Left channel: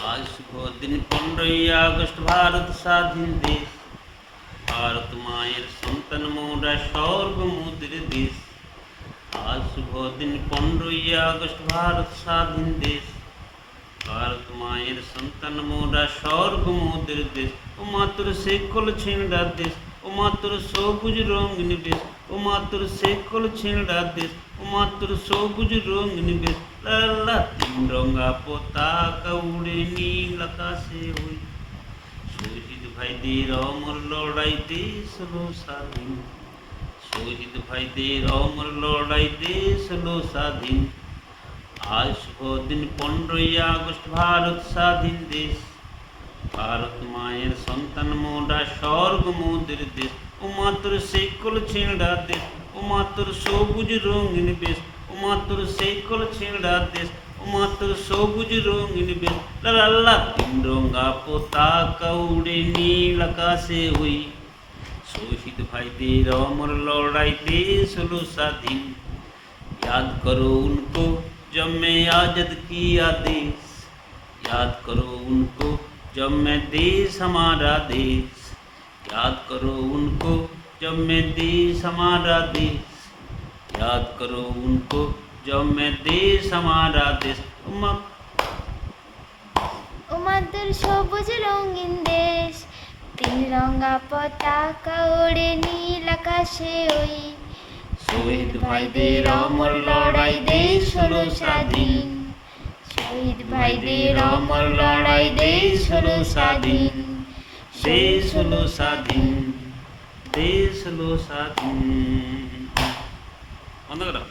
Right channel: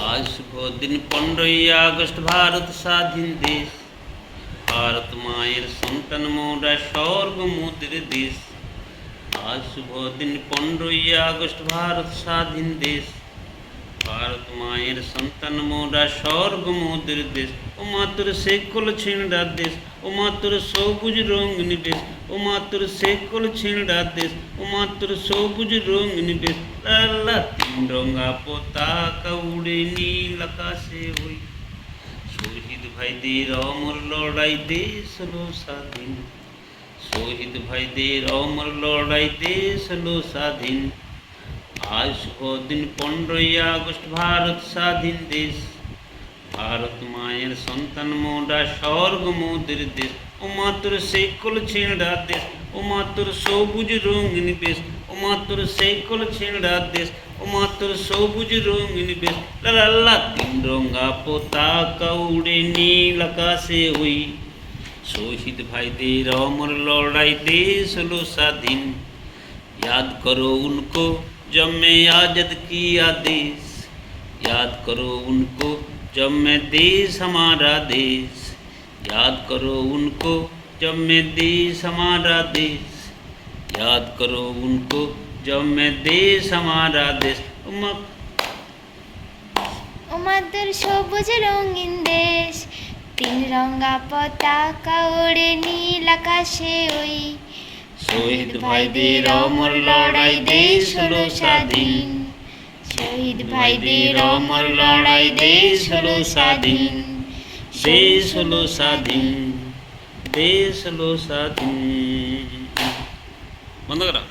आज शुभ दिन 15 আগস্ট ভারত স্বাধীন দেশ ভারত মায়ের সন্তান মোরা স্বর্গ মোদের দেশ আজ শুভ দিন 15 আগস্ট ভারত স্বাধীন দেশ ভারত মায়ের সন্তান মোরা স্বর্গ মোদের দেশ ও মাতৃ সেকল ছিঁড়া দেশ ও মাতৃ সবুজ রঙিন দেশ ও মাতৃ সেকল ছিঁড়া দেশ ও মাতৃ সবুজ রঙিন দেশ লালা তিন রঙা পতাকা উড়ে নীল আকাশে ওই শহীদ ভাইদের অমর লড়াই দেশ হলো স্বাধীন শহীদ ভাইদের অমর লড়াই দেশ হলো স্বাধীন আজ শুভ দিন 15 আগস্ট ভারত স্বাধীন দেশ ভারত মায়ের সন্তান মোরা স্বর্গ মোদের দেশ ও মাতৃ সেকল ছিঁড়া দেশ ও মাতৃ সবুজ রঙিন বেশ ও মাতৃ সেকল ছিঁড়া দেশ ও মাতৃ সবুজ রঙিন বেশ লাল্লা তিন রঙা পতাকা উড়ে নীল আকাশে ওই শহীদ ভাইদের अमर लड़ाई देश हलो स्वाधीन याद करो उनको जब मैं आज़ाद किया देश याद करो उनको जब मैं देश हमारा देश याद करो उनको जब मैं देश हमारा देश याद करो उनको जब मैं देश हमारा देश আমাদের সবুজ রঙিন দেশ তিন রঙা পতাকা ওড়ে নীল আকাশে ওই শহীদ ভাইদের অমর লড়াই দেশ হলো স্বাধীন শহীদ ভাইদের অমর লড়াই দেশ হলো স্বাধীন দেশ হলো স্বাধীন দেশ হলো স্বাধীন বন্ধ করা